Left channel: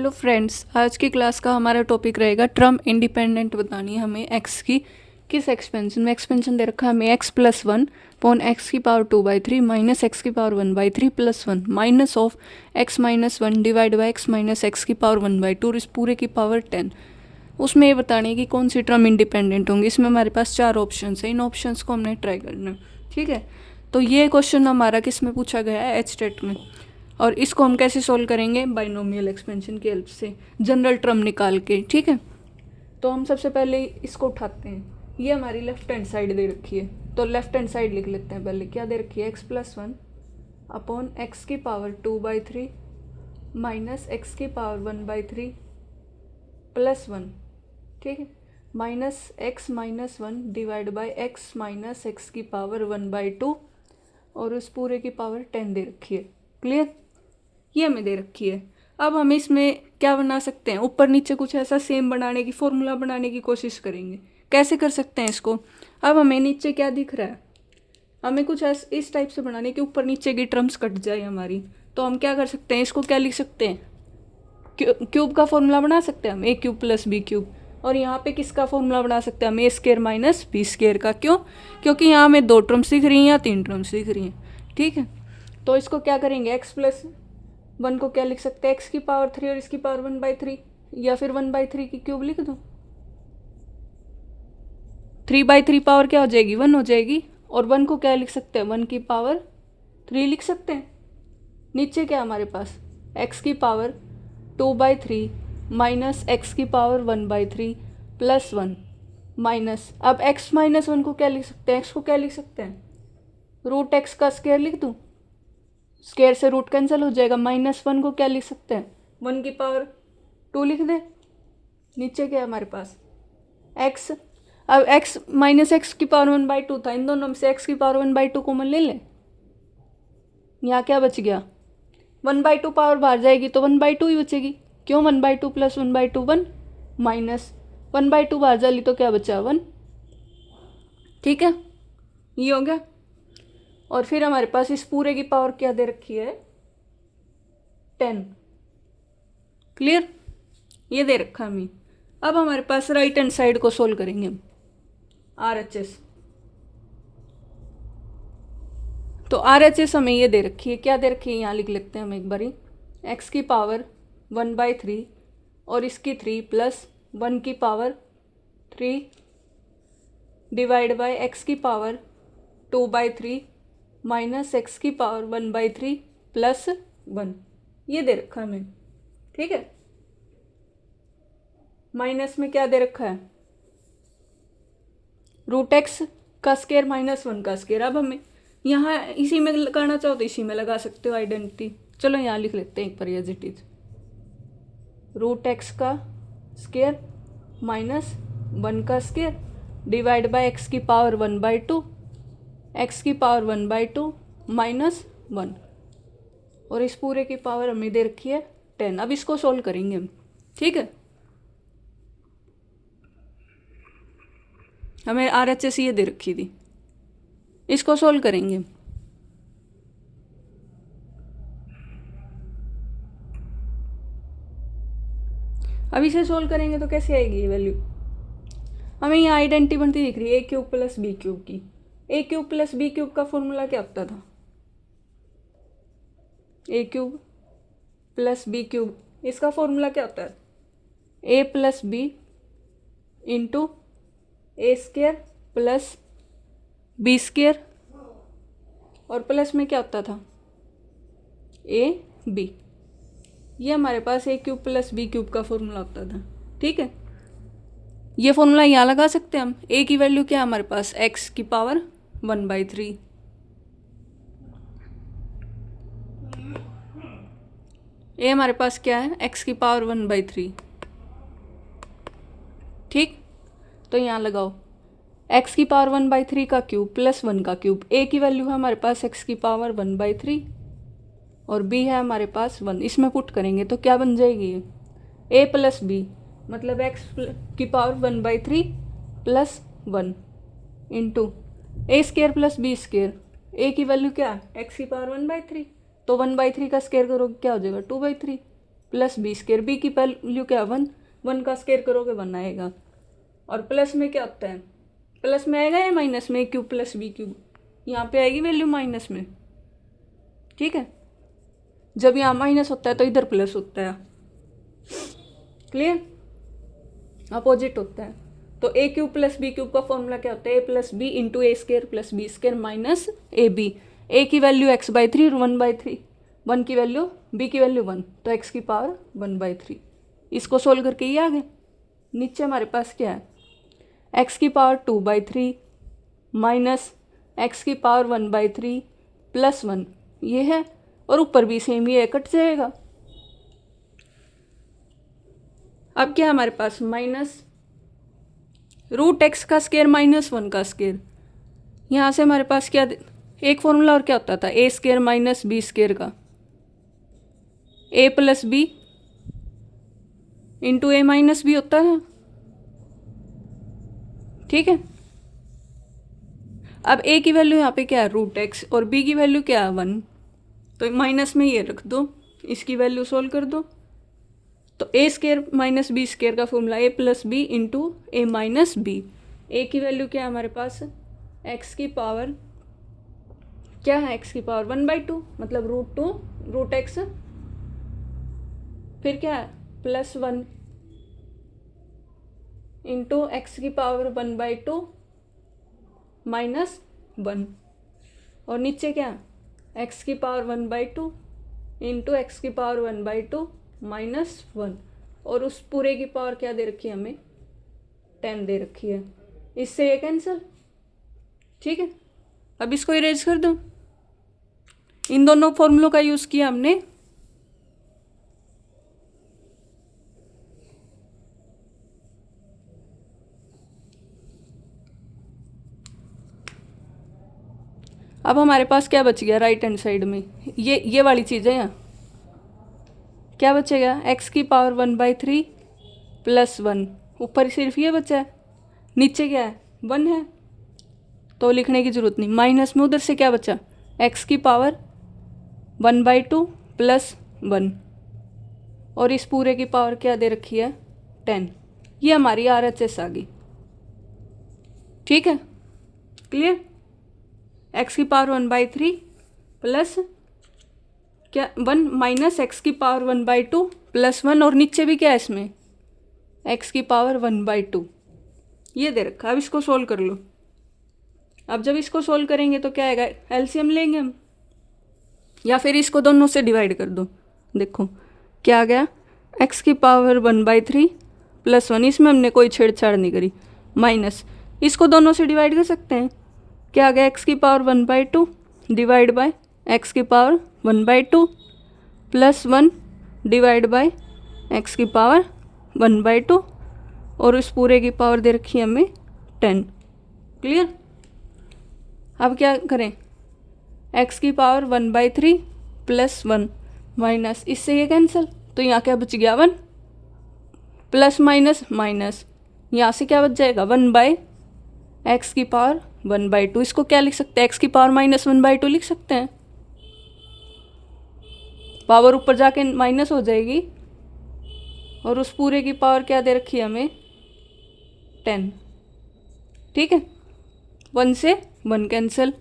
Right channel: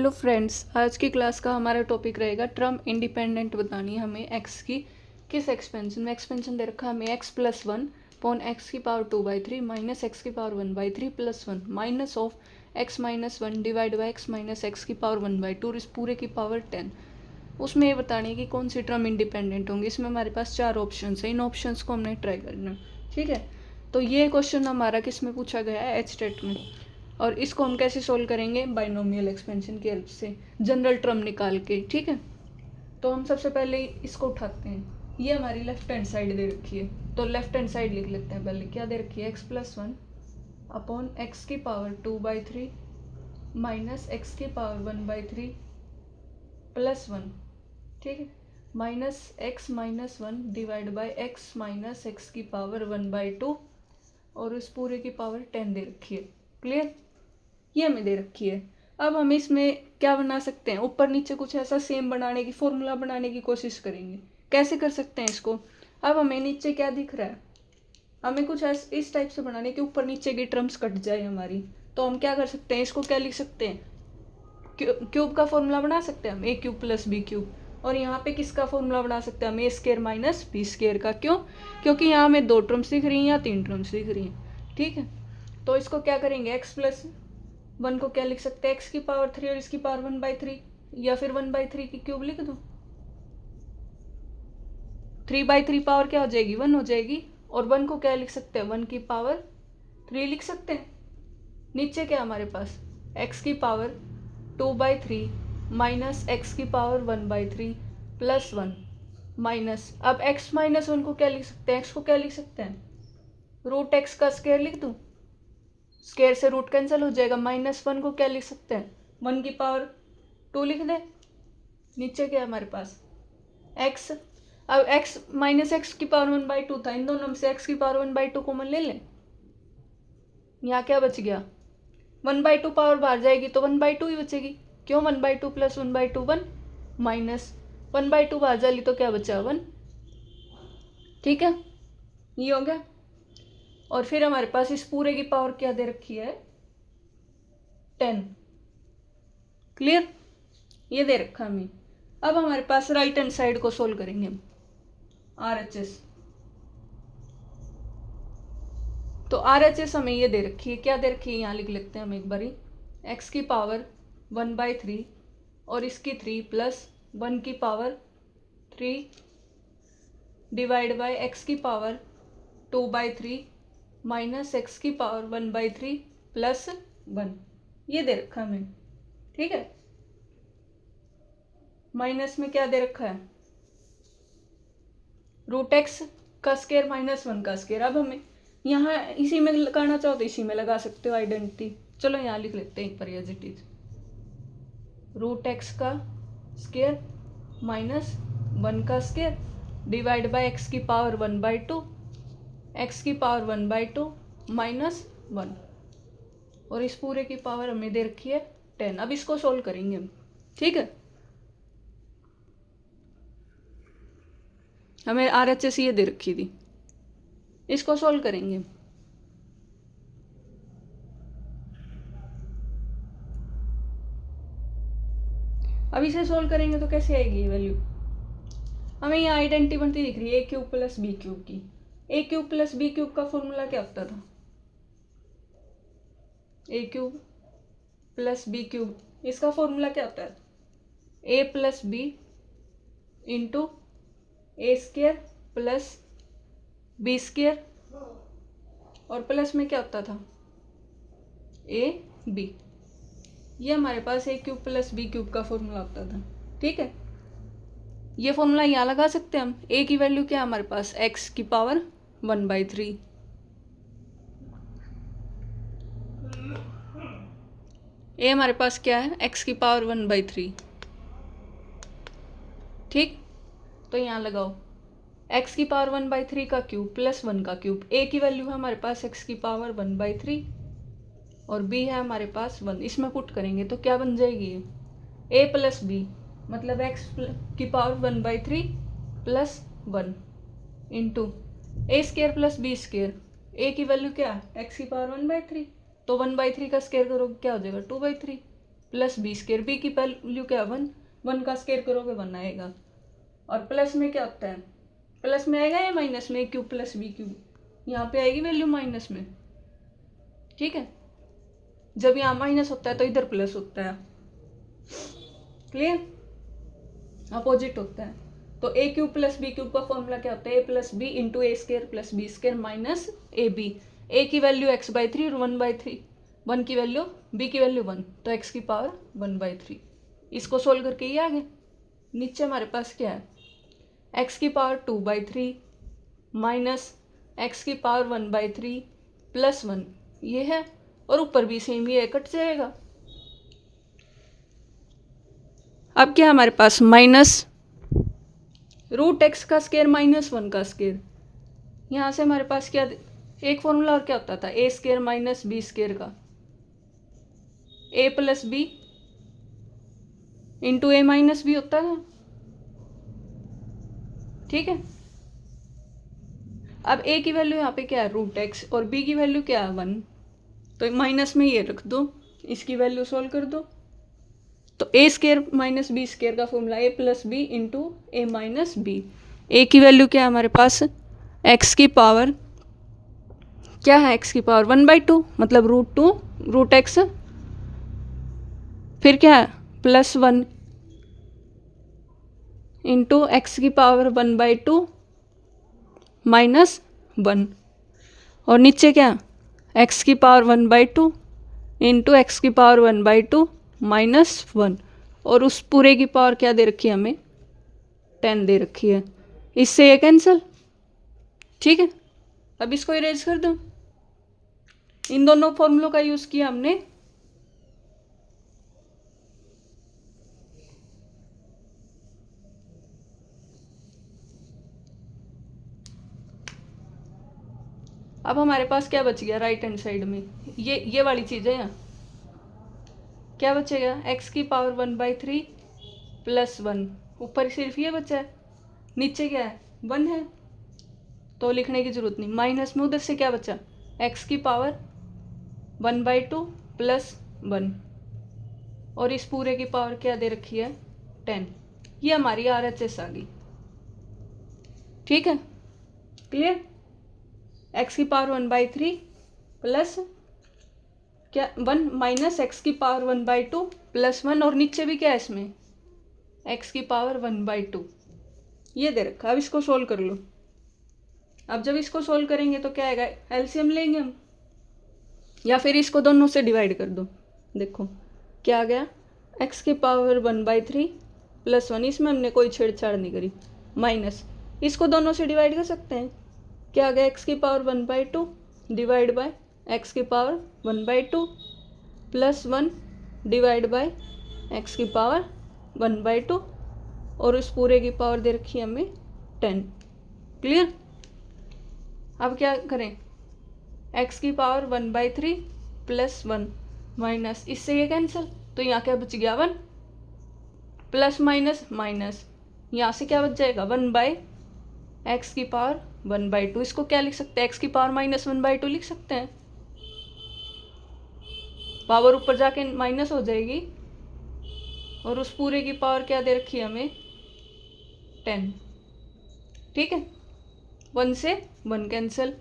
Hello friends, आज की class का हमारा टॉपिक रहेगा टर्म इंडिपेंडेंट बतानी है हमें एक्स की। किस एक्सपेंशन में? एक्सपेंशन दे रखा है हमें x plus one upon x की पावर 2/3 माइनस एक्स की power 1/3 plus one minus of x minus one divide by x minus x की पावर 1/2 इस पूरे की पावर 10। उसमें ये बतानी है कि कौन सी टर्म इंडिपेंडेंट होंगी। इसमें हमारे पास 4 ऑप्शन है, इन ऑप्शन को हमने ट्राई करना है। ठीक है, तो ये क्वेश्चन हमारा किस में पूछा गया है? एचटेट में। और इसको हम कैसे सोल्व करेंगे? बाइनोमियल एक्सपेंशन की हेल्प से, जनरल टर्म निकाल के। ठीक है, तो हम सबसे पहले इसको उठाते हैं। ये हमारी लेफ्ट हैंड साइड दे रखी है, तो लेफ्ट हैंड साइड लिख लेते हैं। पहले क्या दे रखी है? X plus one upon x की पावर 2/3 माइनस एक्स की पावर 1/3 प्लस वन। ठीक है, minus x minus one divide by x minus x की पावर 1/2 और उस पूरे की पावर 10 दे रखी है। क्लियर? ये हमें दे रखी है। अब हम इसमें क्या बना सकते हैं? ऊपर नीचे कुछ ऐसा सेम बनाने की, फॉर्मूला बनाने की कोशिश करेंगे। कैसे कर सकते हैं इसको? अब हमें नीचे क्या दिख रहा है? हमें कुछ इस टाइप से बनाने की ऊपर नीचे की टर्म्स कट जाए हमारी। तो हम क्या कर सकते हैं? इसको क्या लिख सकते हैं? क्यूब का फॉर्मूला बना सकते हैं हम, ए क्यूब प्लस बी क्यूब। और यहाँ पे किसका फॉर्मूला बना सकते हैं हम? ए स्केयर माइनस बी स्केयर का। क्यों? क्योंकि यहाँ हमें 2 टर्म्स दिख रही हैं या 3 टर्म्स दिख रही हैं। ठीक है, तो इसको क्या करेंगे? एक्स प्लस वन को क्या लिख सकते हैं? एक्स की पावर 3 और इसकी पावर 1/3, या फिर 1/3 की क्यूब लिख दो। 3/3 पावर क्या हो जाएगी? 1 हो जाएगी। और 1 को क्या लिख सकते हैं? 1 की पावर 3 लिख सकते हैं। नीचे क्या हमारे पास? एक्स की पावर 2/3 माइनस एक्स की पावर 1/3 प्लस वन माइनस, अब एक्स माइनस वन को क्या लिख सकते हैं? एक्स को क्या लिख सकते हैं? रूट एक्स का स्क्वायर लिख दूँ। स्क्वायर से रूट कैंसिल हो जाएगा। माइनस वन को क्या लिख सकते हैं? 1 की पावर 2 लिख दे। नीचे क्या है हमारे पास? एक्स। अब एक्स माइनस एक्स की पावर 1/2 था, इन दोनों में से एक्स की पावर 1/2 कॉमन ले लें। यहाँ क्या बच गया? 1/2 पावर बाहर जाएगी तो 1/2 ही बचेगी। क्यों? 1/2 प्लस 1/2 1 माइनस 1/2 बाहर जाली तो क्या बचा? 1। ठीक है, ये हो गया। और फिर हमारे पास इस पूरे की पावर क्या दे रखी है? 10। क्लियर? ये दे रखा हमें। अब हमारे पास राइट हैंड साइड को सोल्व करेंगे हम, RHS। तो RHS हमें ये दे रखी है। क्या दे रखी है? यहाँ लिख लेते हैं हम एक बारी। एक्स की पावर 1/3 और इसकी 3 प्लस 1 की पावर 3 डिवाइड बाई एक्स की पावर 2/3 माइनस एक्स की पावर 1/3 प्लस 1। ये दे रखा हमें। ठीक है, माइनस में क्या दे रखा है? रूट एक्स का स्केयर माइनस 1 का स्केयर। अब हमें यहाँ इसी में लगाना चाहो तो इसी में लगा सकते हो आइडेंटिटी। चलो यहाँ लिख लेते हैं एक बार as it is. Root X का स्केयर माइनस 1 का स्केयर डिवाइड बाय एक्स की पावर 1/2 एक्स की पावर 1/2 माइनस 1 और इस पूरे की पावर हमें दे रखी है 10। अब इसको सोल्व करेंगे हम। ठीक है, हमें RHS ये दे रखी थी, इसको सोल्व करेंगे। अब इसे सोल्व करेंगे तो कैसे आएगी ये वैल्यू? हमें यहाँ आइडेंटिटी बनती दिख रही है a cube plus B cube की। A cube plus B cube का फॉर्मूला क्या होता था? A cube plus B cube, इसका फॉर्मूला क्या होता है? ए प्लस बी इंटू ए स्केयर प्लस बी स्केयर, और प्लस में क्या होता था? A b. ये हमारे पास a cube plus B cube का फॉर्मूला होता था। ठीक है, ये फॉर्मूला यहाँ लगा सकते हैं हम। ए की वैल्यू क्या है हमारे पास? एक्स की पावर 1/3। ए हमारे पास क्या है? एक्स की पावर 1/3। ठीक, तो यहाँ लगाओ एक्स की पावर 1/3 का क्यूब प्लस 1 का क्यूब। ए की वैल्यू है हमारे पास एक्स की पावर 1/3 और बी है हमारे पास 1। इसमें पुट करेंगे तो क्या बन जाएगी? ए प्लस बी मतलब एक्स की पावर 1/3 प्लस 1 इंटू ए स्केयर प्लस बी स्केयर। ए की वैल्यू क्या है? एक्स की पावर 1/3, तो 1/3 का स्केयर करोगे क्या हो जाएगा? 2/3। प्लस बी स्केयर, बी की वैल्यू क्या 1, 1 का स्केयर करोगे 1 आएगा। और प्लस में क्या होता है, प्लस में आएगा या माइनस में, क्यूब प्लस बी क्यूब, यहाँ पे आएगी वैल्यू माइनस में। ठीक है, जब यहाँ माइनस होता है तो इधर प्लस होता है। क्लियर, अपोजिट होता है। तो A cube plus B cube का फॉर्मूला क्या होता है, ए plus B into A square plus B square minus A B. A की वैल्यू x/3 और 1/3, 1 की वैल्यू, बी की वैल्यू 1, तो x की पावर 1/3। इसको सोल्व करके ये आ गया। नीचे हमारे पास क्या है, x की पावर 2/3 माइनस x की पावर 1/3 प्लस 1 ये है, और ऊपर भी सेम ये कट जाएगा। अब क्या हमारे पास, माइनस रूट एक्स का स्केयर माइनस 1 का स्केयर। यहाँ से हमारे पास क्या, एक फॉर्मूला और क्या होता था, ए स्केयर माइनस बी स्केयर का, ए प्लस बी इंटू ए माइनस बी होता है। ठीक है, अब ए की वैल्यू यहाँ पे क्या है रूट एक्स, और बी की वैल्यू क्या है 1, तो माइनस में ये रख दो, इसकी वैल्यू सोल्व कर दो। तो ए स्केयर माइनस बी स्केयर का formula A plus B into A minus B. A की वैल्यू क्या है हमारे पास, एक्स की पावर क्या है, एक्स की पावर 1/2 मतलब √2 रूट एक्स, फिर क्या है प्लस 1 इंटू एक्स की पावर 1/2 माइनस 1, और नीचे क्या, एक्स की पावर 1/2 इंटू एक्स की पावर 1/2 माइनस 1, और उस पूरे की पावर क्या दे रखी है हमें, 10 दे रखी है। इससे ये कैंसिल। ठीक है, अब इसको इरेज कर दो। इन दोनों फॉर्मूलों का यूज किया हमने। अब हमारे पास क्या बच गया राइट हैंड साइड में, ये वाली चीज़ है। यहाँ क्या बचेगा, एक्स की पावर 1/3 प्लस 1, ऊपर सिर्फ ये बचा है, नीचे क्या है 1 है, तो लिखने की जरूरत नहीं। माइनस में उधर से क्या बचा, एक्स की पावर 1/2 प्लस 1, और इस पूरे की पावर क्या दे रखी है 10। ये हमारी RHS आ गई। ठीक है, क्लियर, एक्स की पावर 1/3 प्लस क्या 1 माइनस एक्स की पावर 1/2 प्लस 1, और नीचे भी क्या है इसमें एक्स की पावर 1/2 ये दे रखा। अब इसको सोल्व कर लो। अब जब इसको सोल्व करेंगे तो क्या आएगा, एलसीएम लेंगे हम, या फिर इसको दोनों से डिवाइड कर दो। देखो क्या आ गया, एक्स की पावर 1/3 प्लस 1, इसमें हमने कोई छेड़छाड़ नहीं करी, माइनस इसको दोनों से डिवाइड कर सकते हैं। क्या आ गया, एक्स की पावर 1/2 डिवाइड बाय एक्स की power 1/2 plus 1 divide by X की पावर 1/2, और इस पूरे की पावर दे रखी है हमें 10। क्लियर, अब क्या करें, एक्स की पावर 1/3 प्लस 1 माइनस, इससे ये कैंसिल, तो यहाँ क्या बच गया 1, प्लस माइनस माइनस, यहाँ से क्या बच जाएगा 1/x की पावर 1/2। इसको क्या लिख सकते हैं, एक्स की पावर माइनस 1/2 लिख सकते हैं, पावर ऊपर जाके माइनस हो जाएगी, और उस पूरे की पावर क्या दे रखी है हमें 10। ठीक है, 1 से 1 कैंसिल,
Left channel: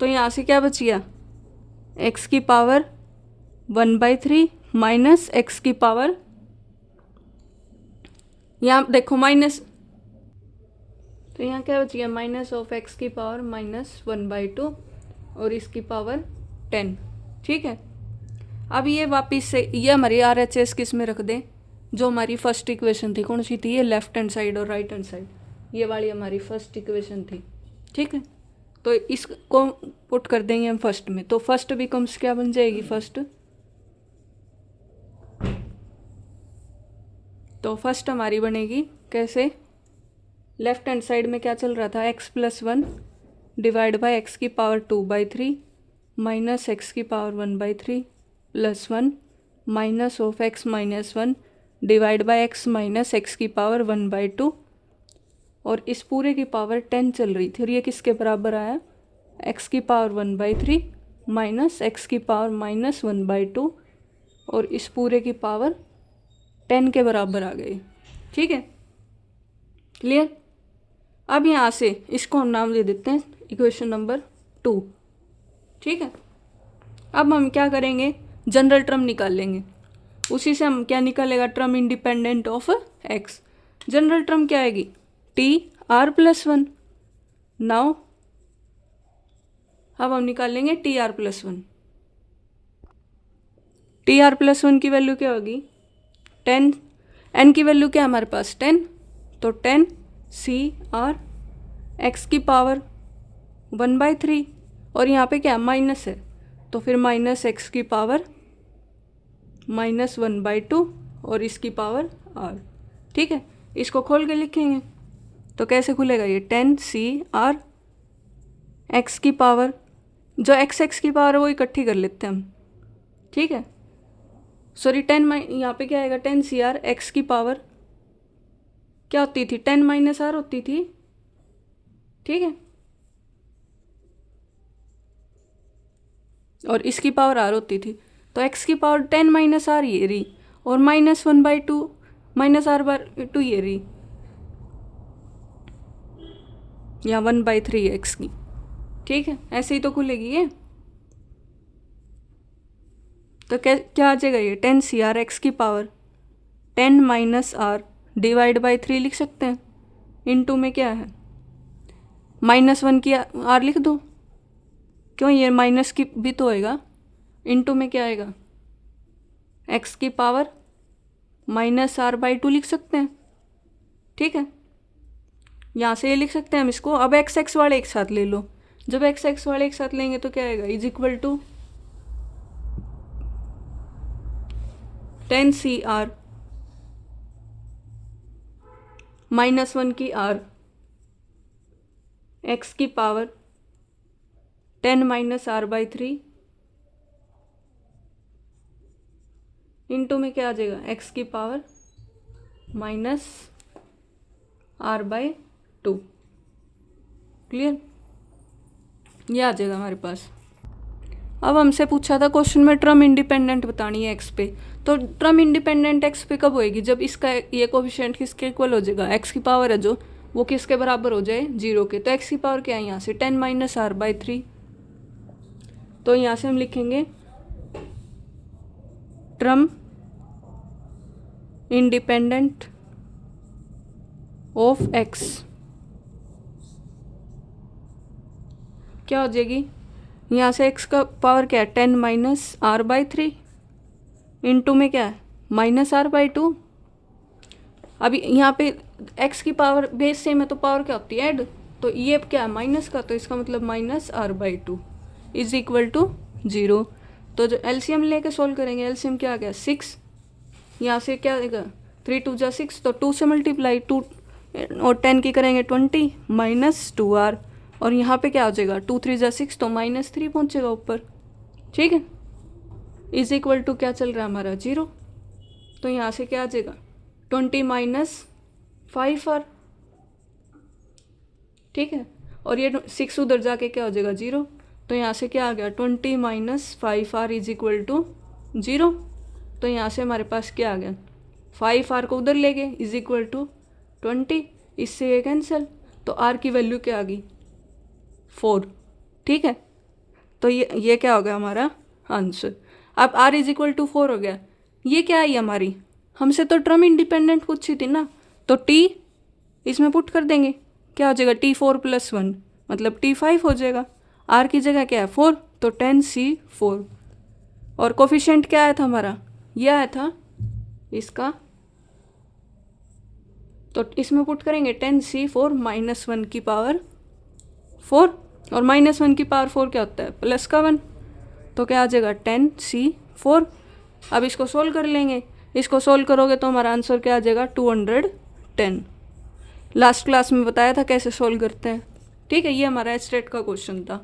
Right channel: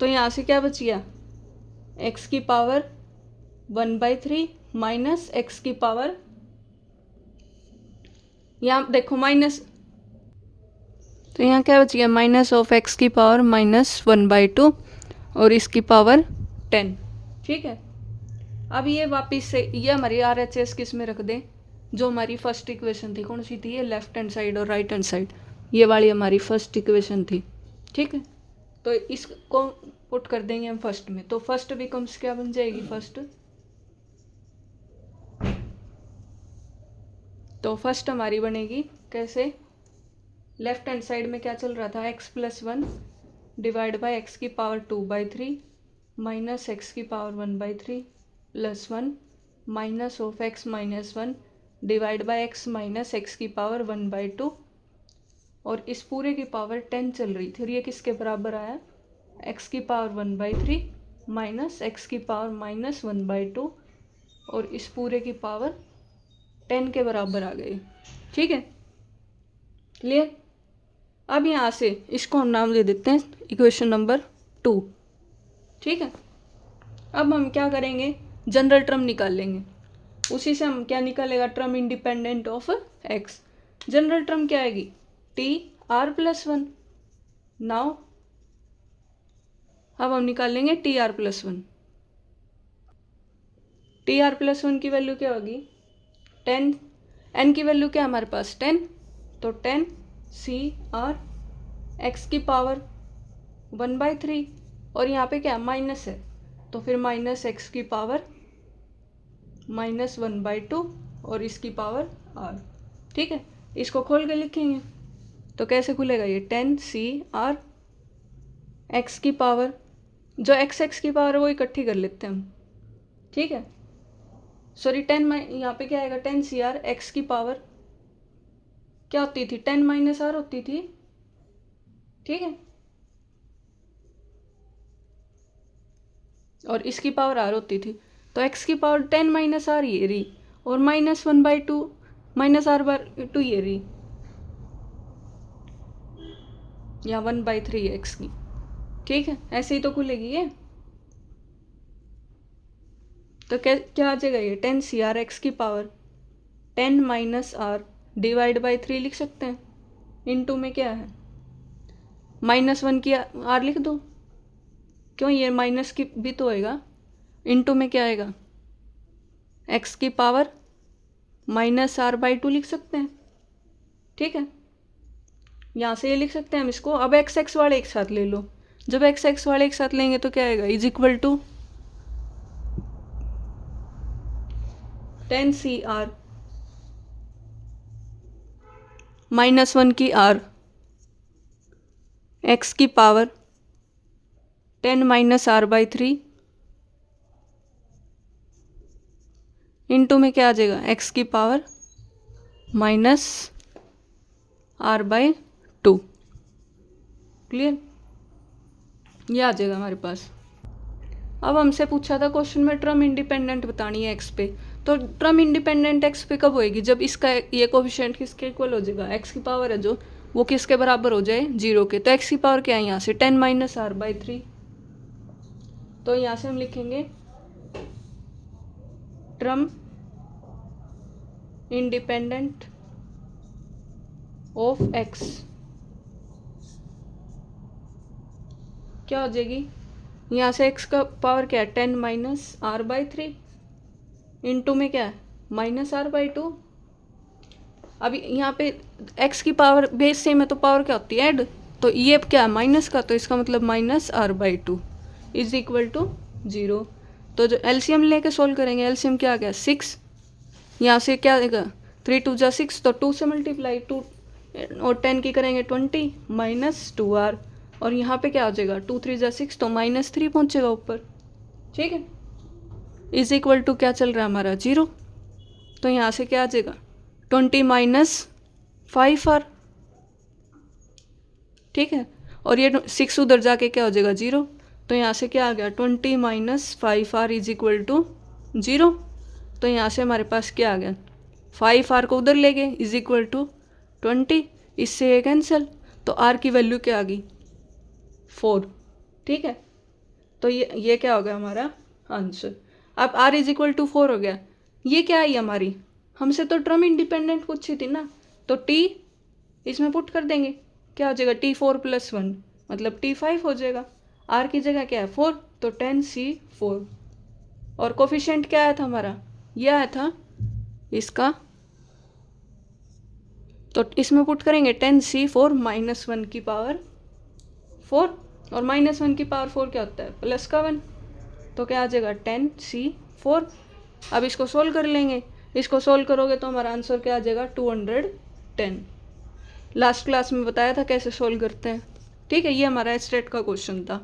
तो यहाँ से क्या बच गया, एक्स की पावर 1/3 माइनस एक्स की पावर, यहाँ देखो माइनस, तो यहाँ क्या बच गया माइनस ऑफ एक्स की पावर माइनस 1/2 और इसकी पावर 10। ठीक है, अब ये वापिस से ये हमारी RHS किस में रख दें, जो हमारी फर्स्ट इक्वेशन थी, कौन सी थी ये, लेफ्ट हैंड साइड और राइट हैंड साइड, ये वाली हमारी फर्स्ट इक्वेशन थी। ठीक है, तो इसको पुट कर देंगे हम फर्स्ट में, तो फर्स्ट बिकम्स क्या बन जाएगी, फर्स्ट, तो फर्स्ट हमारी बनेगी कैसे, लेफ्ट हैंड साइड में क्या चल रहा था, x plus 1 divide by x की पावर 2/3 माइनस एक्स की power 1/3 plus 1 minus of x minus 1 divide by x minus x की पावर 1/2, और इस पूरे की पावर 10 चल रही थी, और ये किसके बराबर आया, x की पावर 1/3 माइनस एक्स की पावर माइनस 1/2, और इस पूरे की पावर 10 के बराबर आ गई। ठीक है, क्लियर। अब यहाँ से इसको हम नाम दे देते हैं इक्वेशन नंबर 2। ठीक है, अब हम क्या करेंगे, जनरल टर्म निकाल लेंगे। उसी से हम क्या निकालेगा, term independent of x. General term क्या आएगी, TR+1। नाउ अब हम निकाल लेंगे TR+1। TR+1 की वैल्यू क्या होगी, 10, n की वैल्यू क्या है हमारे पास 10, तो 10CR x की पावर 1/3, और यहाँ पे क्या माइनस है, तो फिर माइनस x की पावर -1/2 और इसकी पावर r। ठीक है, इसको खोल के लिखेंगे तो कैसे खुलेगा ये, 10CR x की पावर, जो x की पावर है वो इकट्ठी कर लेते हैं हम। ठीक है, सॉरी 10 यहाँ पे क्या आएगा, 10CR x की पावर क्या होती थी, 10 - r होती थी। ठीक है, और इसकी पावर r होती थी, तो x की पावर 10 - r ये रही, और -1/2 -r/2 ये रही, या 1/3 है x की। ठीक है, ऐसे ही तो खुलेगी ये। तो क्या आ जाएगा ये, 10CR x की पावर 10 - r /3 लिख सकते हैं। इनटू में क्या है, -1 की r लिख दो, क्यों ये माइनस की भी तो होएगा। इनटू में क्या आएगा, x की पावर -r/2 लिख सकते हैं। ठीक है, यहाँ से ये लिख सकते हैं हम इसको। अब x वाले एक साथ ले लो, जब x वाले एक साथ लेंगे तो क्या आएगा, = 10CR -1 की r x की पावर 10 - r/3 इनटू में क्या आ जाएगा, x की पावर -r/2। क्लियर, ये आ जाएगा हमारे पास। अब हमसे पूछा था क्वेश्चन में ट्रम इंडिपेंडेंट बतानी है एक्स पे, तो ट्रम इंडिपेंडेंट एक्स पे कब होएगी, जब इसका ये कोफिशिएंट किसके इक्वल हो जाएगा, एक्स की पावर है जो, वो किसके बराबर हो जाए, 0 के। तो एक्स की पावर क्या है यहाँ से, 10 - r/3। तो यहाँ से हम लिखेंगे ट्रम इंडिपेंडेंट ऑफ एक्स क्या हो जाएगी, यहाँ से x का पावर क्या है, 10 - r/3 इनटू में क्या है, -r/2। अभी यहाँ पे x की पावर बेस सेम है तो पावर क्या होती है, ऐड। तो ये क्या है माइनस का, तो इसका मतलब -r/2 = 0। तो जो एलसीएम लेके सोल्व करेंगे, एलसीएम क्या आ गया 6, यहाँ से क्या आएगा 3 × 2 = 6, तो 2 से मल्टीप्लाई 2 और 10 की करेंगे 20 -2r, और यहाँ पे क्या हो जाएगा 2 × 3 = 6, तो -3 पहुँचेगा ऊपर। ठीक है, = क्या चल रहा है हमारा 0, तो यहाँ से क्या आ जाएगा 20 - 5r। ठीक है, और ये 6 उधर जाके क्या हो जाएगा 0, तो यहाँ से क्या आ गया 20 - 5r = 0। तो यहाँ से हमारे पास क्या आ गया, 5r को उधर ले गए = 20, इससे ये कैंसिल, तो r की वैल्यू क्या आ गई 4। ठीक है, तो ये क्या हो गया हमारा आंसर। अब r = 4 हो गया। ये क्या आई हमारी, हमसे तो टर्म इंडिपेंडेंट पूछी थी ना, तो t इसमें पुट कर देंगे, क्या हो जाएगा T4 + 1 मतलब T5 हो जाएगा। r की जगह क्या है 4, तो 10C4, और कोफिशिएंट क्या आया था हमारा, ये आया था इसका, तो इसमें पुट करेंगे 10C4 -1 की पावर 4, और -1 की पावर 4 क्या होता है प्लस का 1, तो क्या आ जाएगा 10C4। अब इसको सोल्व कर लेंगे, इसको सोल्व करोगे तो हमारा आंसर क्या आ जाएगा 210। लास्ट क्लास में बताया था कैसे सोल्व करते हैं। ठीक है, ये हमारा स्टेट का क्वेश्चन था।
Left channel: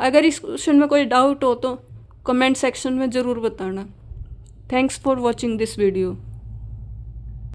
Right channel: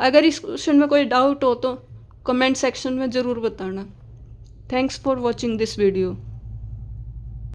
अगर इस क्वेश्चन में कोई डाउट हो तो कमेंट सेक्शन में ज़रूर बताना। Thanks for watching this video.